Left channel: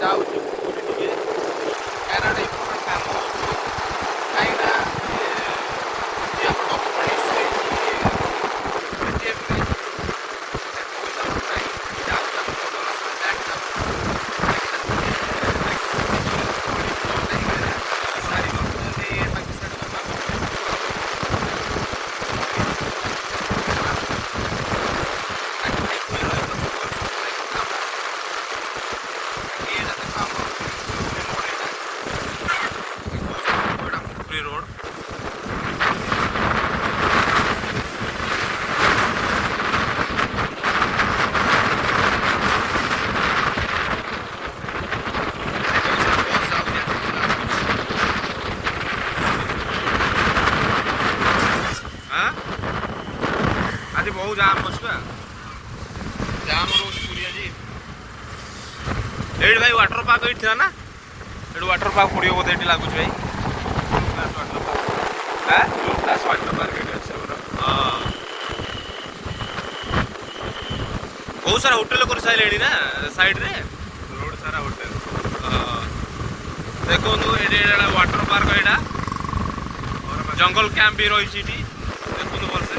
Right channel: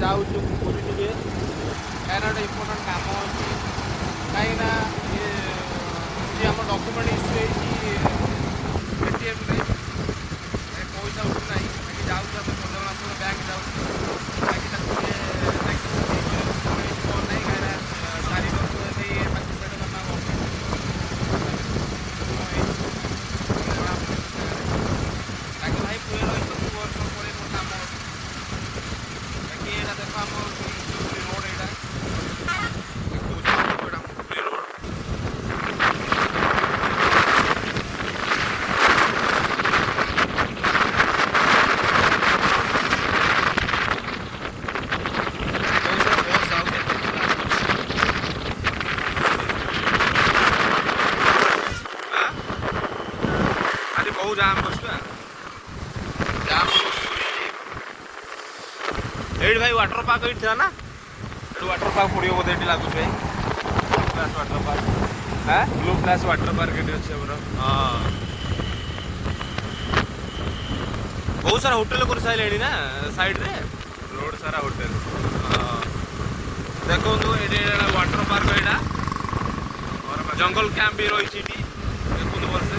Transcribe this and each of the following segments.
ଯାଉଛୁ ପୁରୀ ଟିକେ କାହିଁକିନା ଗୋଟେ ଇମ୍ପୋର୍ଟାଣ୍ଟ କାମ ଅଛି କାହିଁକିନା ଆମ ଡକ୍ୟୁମେଣ୍ଟ ଇସ୍ୟୁ ହେଇଛି ଏଟିଏମ୍ରେ ପଇସା ନାହିଁ ଯାଉଛୁ ଆମ ସଦନ ବ୍ୟାଙ୍କ ଯାଉଛୁ କାହିଁକିନା 4 ବର୍ଷ ଯଦି ବାକି ସେଟା बहुत जाम बसुआ जाम एट भाई वाटर पार्क ये ना ये वाटर पार्क पड़ो बोधे ये लगुच भाई वाटर पार्क हाँ बहुत सारा होटेल कर सारे ना साइड रे बहुत सारा होटेल देखो ये वाटर पार्क यहाँ जंगल कैंप भी रही देखो भलसे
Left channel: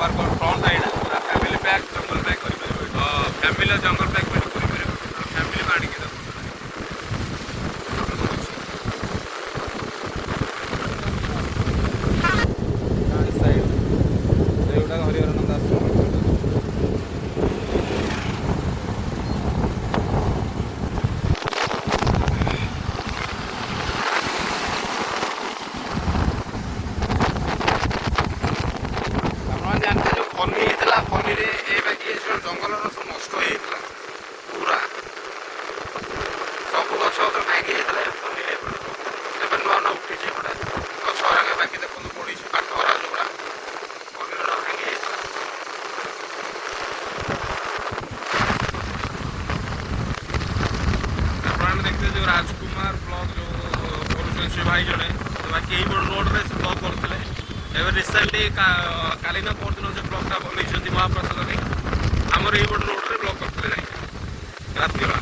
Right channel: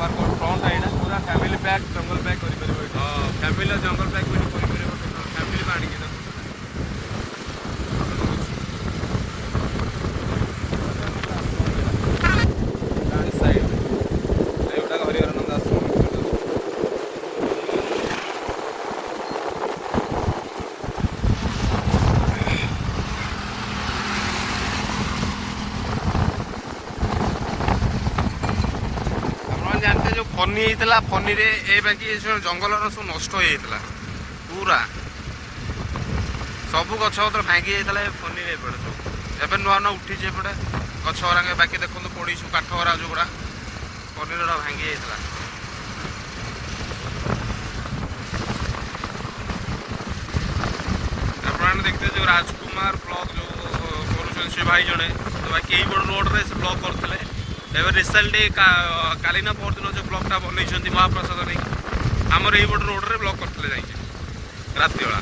पार्क फ्रंट है फैमिली पैक जंगल पैक कर फैमिली जंगल पैक कर फैमिली आने साइड गुड़ा हरिहरानंद आश्रम फनी होता फनी जंगल सब नष्ट हो पूरा सब गछ पत्र भांगी जाता फनी एवं नुआ नुआ उठी एपटे गछ बाकी देखो पड़ी काठ हरा जो गुड़ा फनी भांगी जाता आप देखते जो राजकुमार ब्लॉक जो कर भाई जड़े बाकी यही रोड रे से ब्लॉक करते एवं रिसेंटली काली ना परदिन से ब्लॉकटा बनई महाप्रसाद नहीं आमर यही रोड रे ब्लॉक करते रात बेला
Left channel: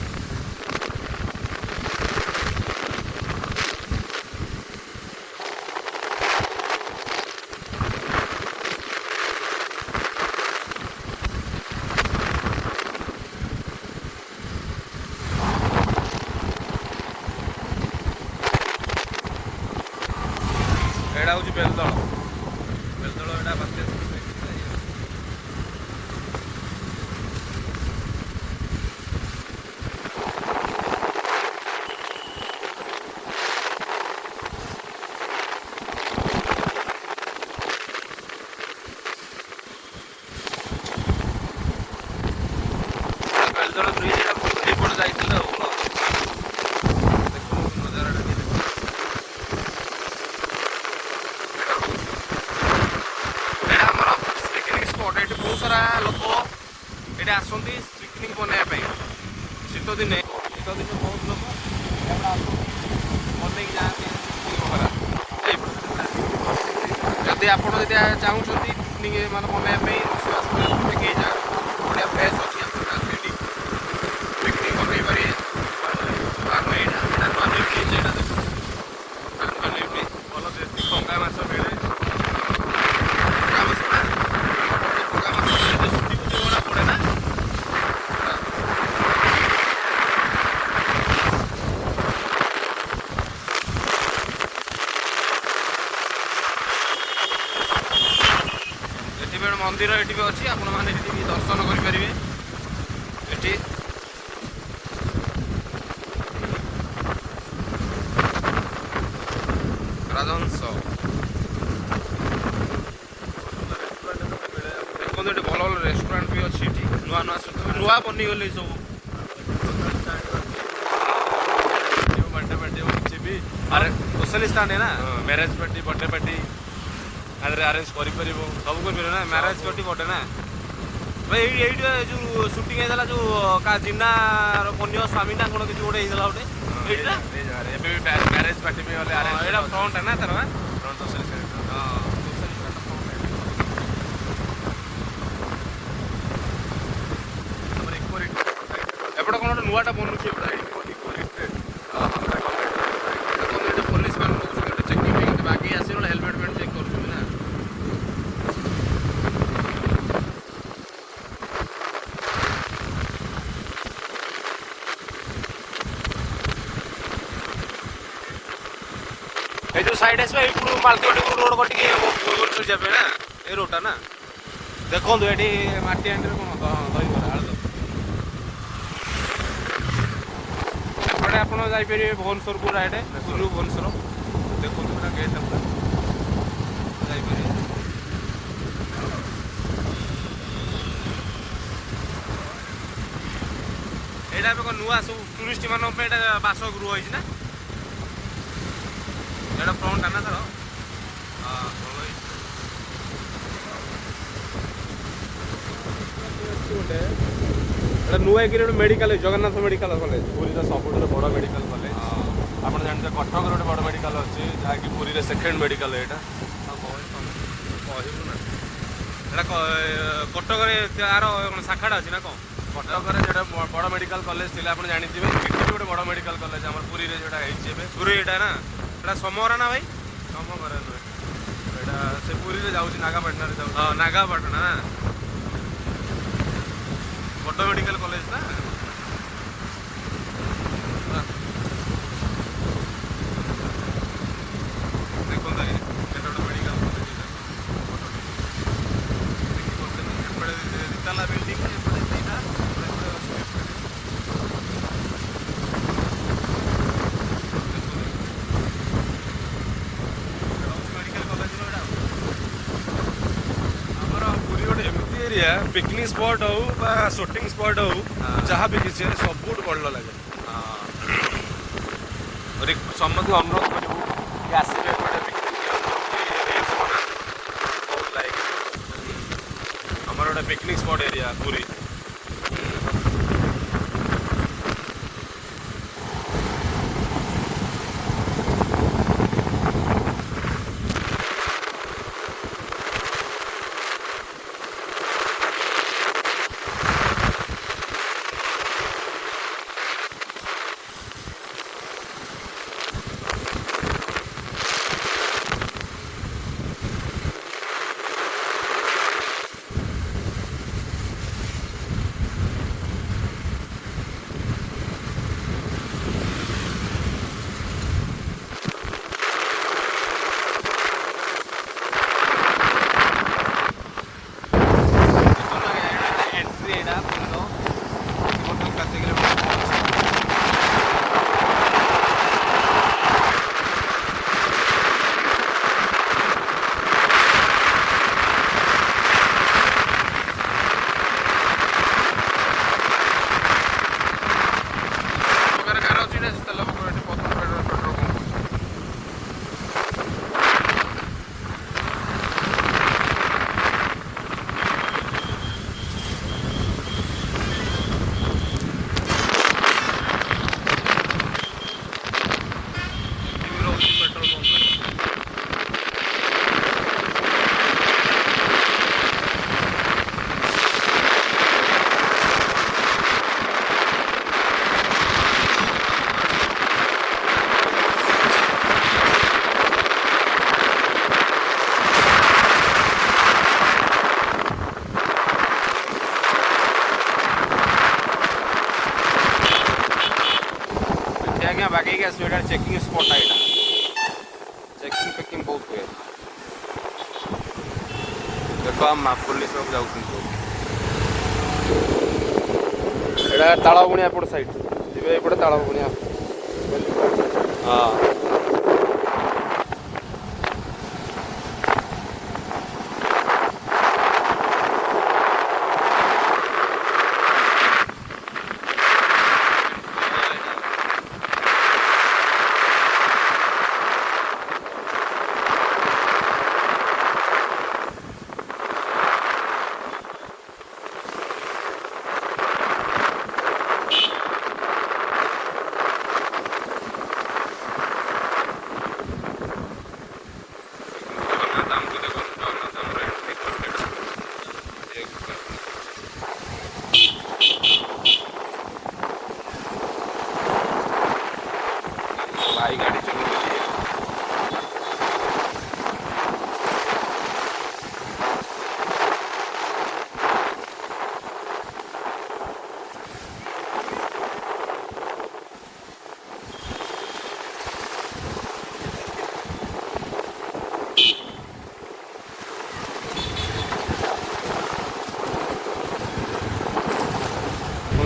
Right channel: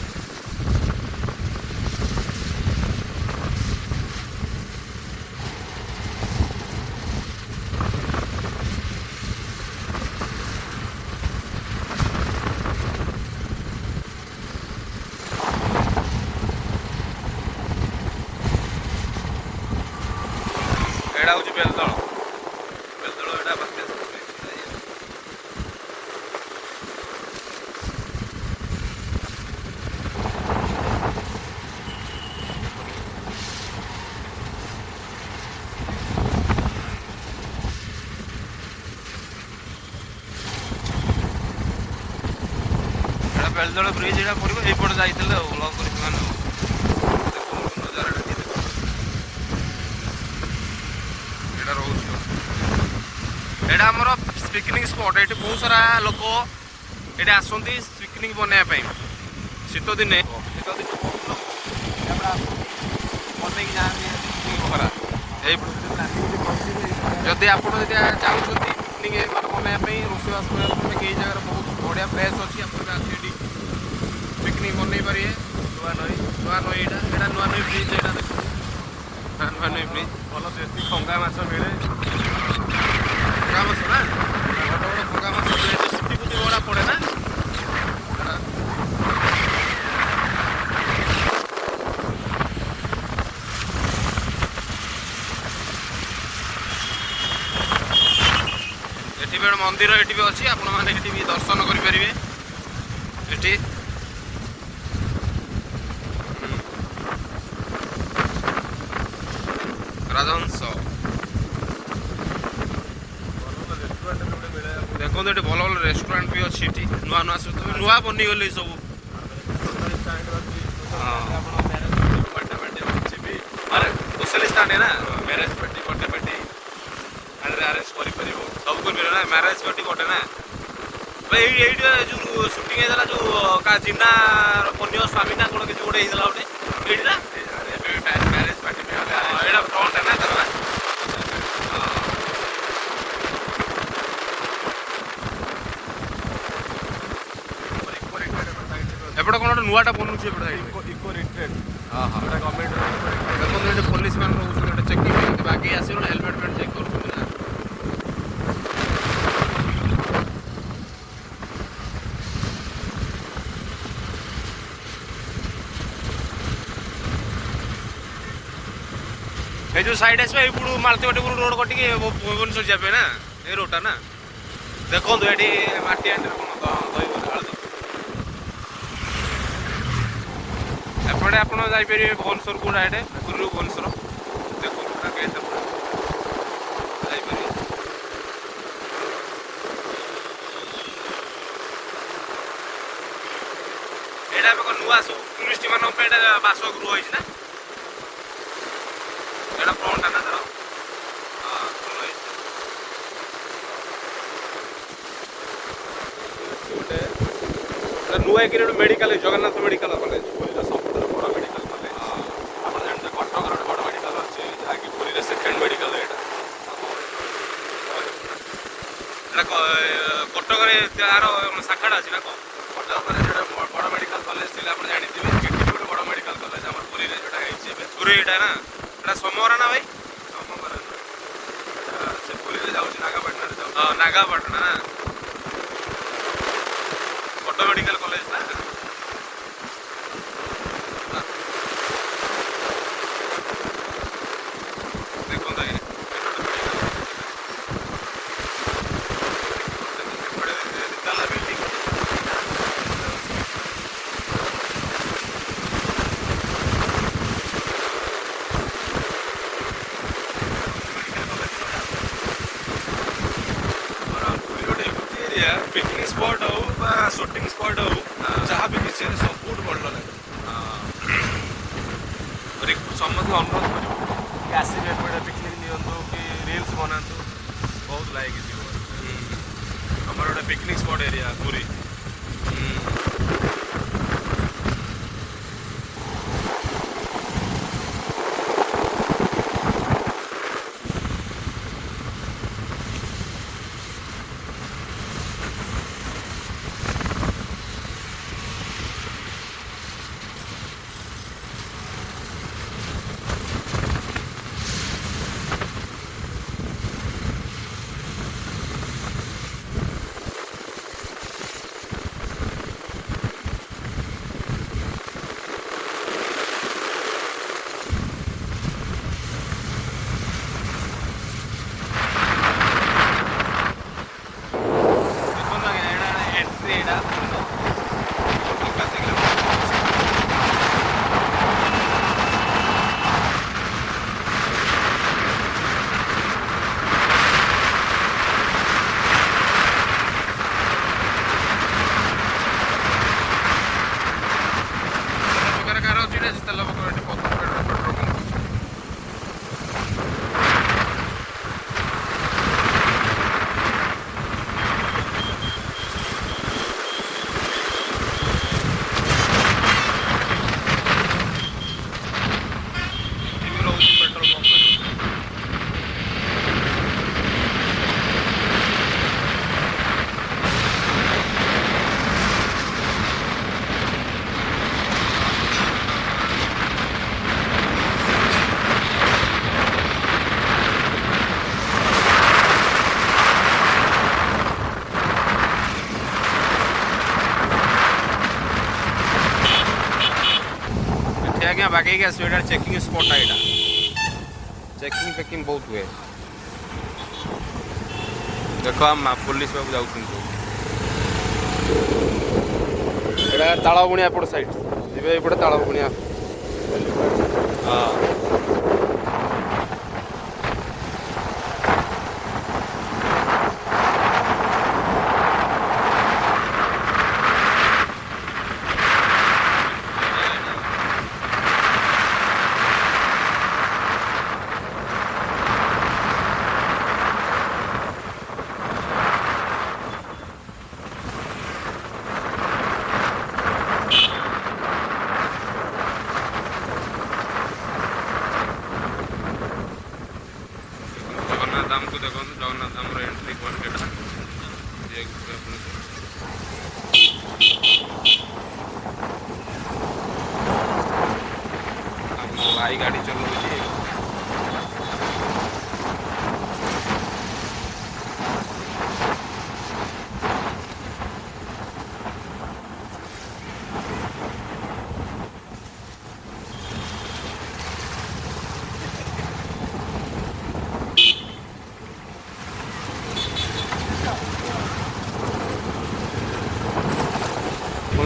एड़ा हूँ बेलदल बेलदल एटा बात्या बेलदल ब्रिज एटा पूर्व एपट जाइए पिकनिक स्पॉट ये बहुत सारा लोक ये आसती पिकनिक बनवाई शीत दिने बहुत लोग जदि आप चाहते पिकनिक मतलब बनवाई रोषेबास कई जगह बढ़िया प्लेस अच्छी पिकनिक बनई पारे नुआ नई नुआ नई ब्रिज यहाँ देख नुआ नई ब्रिज भल देसी टंगा माछ मिले टंगा माछ ना बड़ बड़ टंगा माछ गुड़ा पड़े ना एटी भी मंदिर ये भी अच्छी आपण मैंने भी दर्शन करेंगे ये राजहंस देखो ये भल भल रेस्टोरेंट भी अच्छी नुआ नुआ नुआ बनीगले सब सोशल स्टाण्ड है ना marriage party birthday party arrange कर सब कर ना मैरेज पार्टी बर्थडे ना भाई ये जो शूटिंग होता जो का जिन्ना पन्य स्वामी ना कौन किसी गोटे गोटे ये ना मैरेज पार्टी फ्रंट है ना तर ଏପଟେ କ'ଣ ଗୋଟେ ନୂଆଟା ବନୁଛି ଏପଟେ ଦେଖନ୍ତୁ ଯେ ପୋଲିସ ମାନେ ରହୁଛନ୍ତି ଗୋଟେ ଚେକିଂ ବାକି ଆସିବ ହେଲମେଟ୍ ଫେଲମେଟ୍ ଚେକ୍ କରୁଛନ୍ତି ନା। এই ଯେଉଁ ସାଇଡ୍ ଆସିବ ଏଇପଟୁ ମାଳତୀବାଟିପୁର ରୋଡ଼ କଟିକି ଭୁବନେଶ୍ୱର ଯିବା ପାଇଁ ନା ଏଇ ରୋଡ଼ଟା ନା। ଦେଖନ୍ତୁ ଏଠି ମାଟି ହାଣ୍ଡିରେ କ'ଣ ଦହିବରା ଆଳୁଦମ। ଏପଟେ ଆପଣ ଯାଇପାରିବେ ଭୁବନେଶ୍ୱରକୁ ଡାଇରେକ୍ଟ ପୁରୀରୁ ଭୁବନେଶ୍ୱର। ଦେଖନ୍ତୁ ପୁରା ଗେଟ୍ ଯାଇପାରିବେ। ଏଇଟା ଏବେ କ'ଣ ନୂଆ ସବୁ ଟୁରିଷ୍ଟ ମାନଙ୍କ ପାଇଁ ଏଇଟା ବାସଗୃହ ହେଇଛି ନା। ଏଇଟା ଫ୍ରଣ୍ଟଟା ନା ତାର ଗୋଟେ ଏଇଟା ନୂଆ ହେଇକିରି ଗୋଟେ ମେଡ଼ିକାଲ ହେଇଛି ଜଗନ୍ନାଥ ମେଡ଼ିକାଲ କଲେଜ ସବୁଠାରୁ ବଡ଼ ମେଡ଼ିକାଲ କଲେଜ। ଆପଣ ଜାଣିଥିବେ କଟକର ଗୋଟେ ବଡ଼ ମେଡ଼ିକାଲ ଅଛି ଯାହାକି ପୁରୀର ସେକେଣ୍ଡ ମେଡ଼ିକାଲ ଏଇଟା। ଏଇଟା କଟକରେ ତାର ଶାଖାଟା ଅଛି ନା କ'ଣ? କଟକରେ ଗୋଟେ ବଡ଼ ମେଡ଼ିକାଲ କଲେଜ ଥିଲା ଆପଣ ଜାଣିଥିବେ। ଏଠି ଗୋଟେ ବଡ଼ ମେଡ଼ିକାଲ କଲେଜ ଆମର ପୁରୀରେ ଯେଉଁଟା ହେଇଛି ଏବେ ପୁରୀ ଏଇଟା ନା। ଏଇଟା ସମରା ନା ଭାଇ? ସମରା ଏଇଟା ସେ ପୁରୀରେ ଯାଉଛି ନାଗାପାଟଣାରେ ଯାଉଛି। ହଁ ନାଗାପାଟଣା ନା ବଡ଼ ମେଡ଼ିକାଲ କଲେଜ ନା। ଦେଖନ୍ତୁ ଆଜ୍ଞା ଏଟା ଗୋଟେ ମେଡ଼ିକାଲ ଏପଟେ ତାଲା ବିଲ୍ଡିଂ ପିକନିକ ସ୍ପଟ ହଉ ବା ସୁଟିଂ ସ୍ପଟ ହଉ ଯାହା ବି କିଛି ସବୁଠୁ ଭଲ ଲାଗେ। ସମସ୍ତଙ୍କୁ ଅନୁରୋଧ ଆସିବେ ଏପଟେ ପିକନିକ ରିଲ୍ସ ବନା ବହୁତ ଲାଇକ୍ ଆମର ଗୋଟେ ପିକନିକ ସ୍ପଟ ଏରିଆ ପୁରୀ। ଆଜ୍ଞା ବାଗେଇକି ଆସିବ। ଏଇଟା ଚେକିଂ ସ୍ପଟ୍ଟା ଏଇଟା ଚେକିଂ ଫେକିଂ ବହୁତ ହୁଏ। ଦେଖ ପୋଲିସ ସବୁ ଯାଉଛନ୍ତି। ଏଇଟା ତାଳବଣିଆ ଏପଟ ସାଇଡ୍ ଯିବେ ଏପଟେ ତାଳବଣିଆ। ହଁ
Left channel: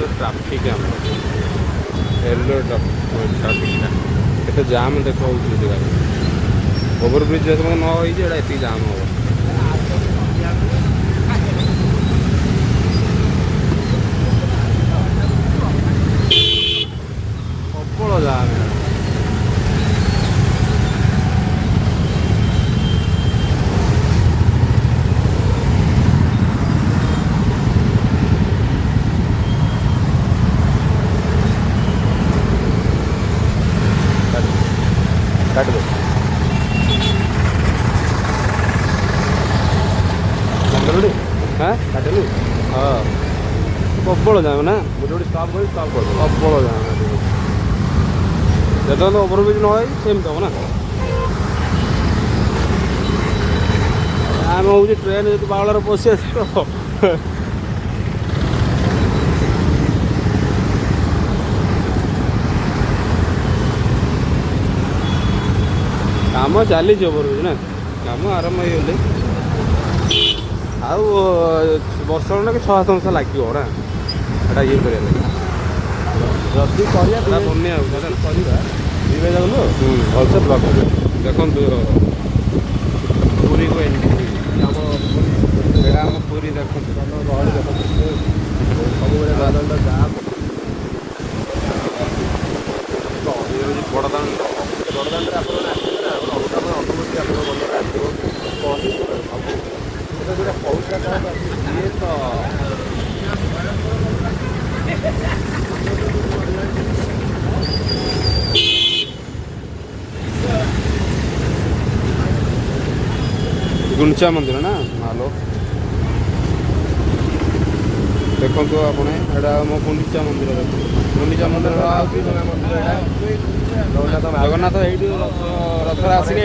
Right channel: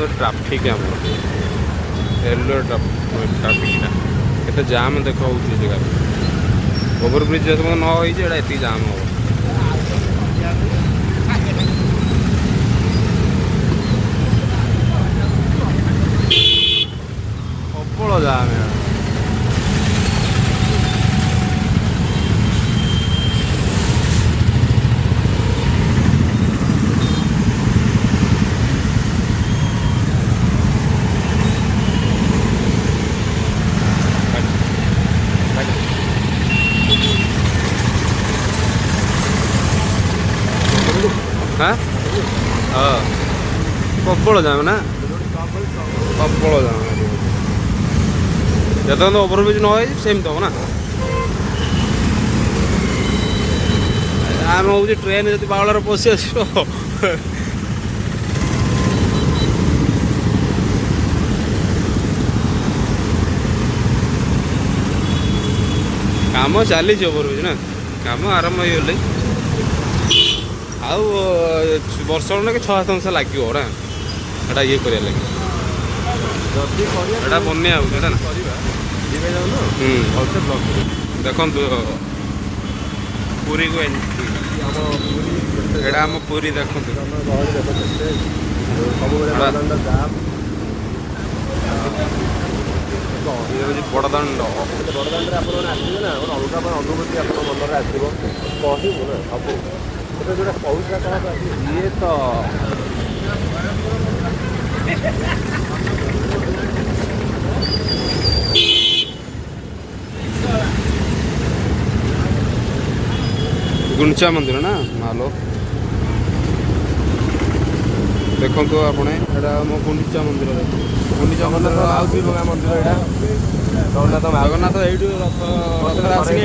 ट्राफिक येलो ट्राफिक केते जाम देख जगह ओवरब्रिज जो न होती जाम हम प्रबल जाम हाँ हाँ प्रबल जाम ना प्रबल जाम जो ओवरब्रिज न सेमती हम ना आम हूँ ट्रेन जो बावलार पशि आस काम चली ओवरब्रिज ना काम आरंभ हो आउ वर्ष ना कि 6-7 मास लगे ना एटा ये कर लगे बनिया देखो पूरी को एटा आम पूरी देखो बड़दाण्ड ये तो गुंचा मंदिर ना मालो देखो तो आपने एटा मो गुंडीचा मंदिर देखो गुंडीचा मंदिर जगन्नाथ ये रथ आसिक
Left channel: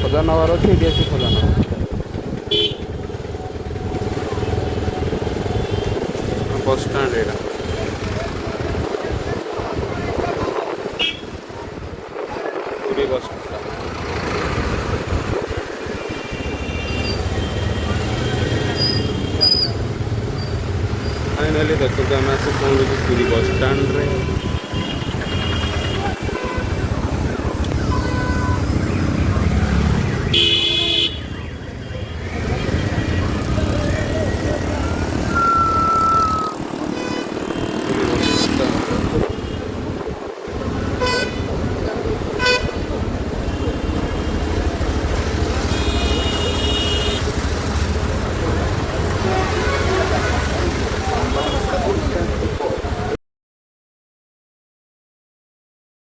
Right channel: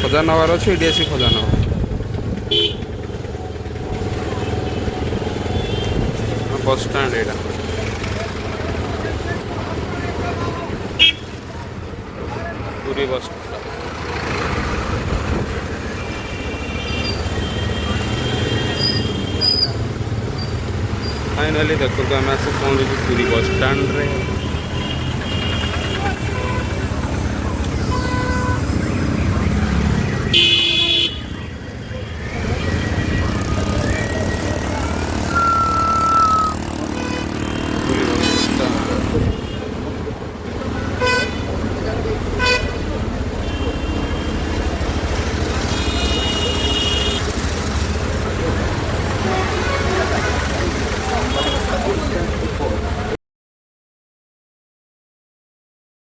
खजा नवार अच्छे ये आसी खजा नवा बस स्टाण्ड यहाँ पूरी बस फाइनाली देखो आम आस पहुँचू पूरी बस स्टाण्ड रे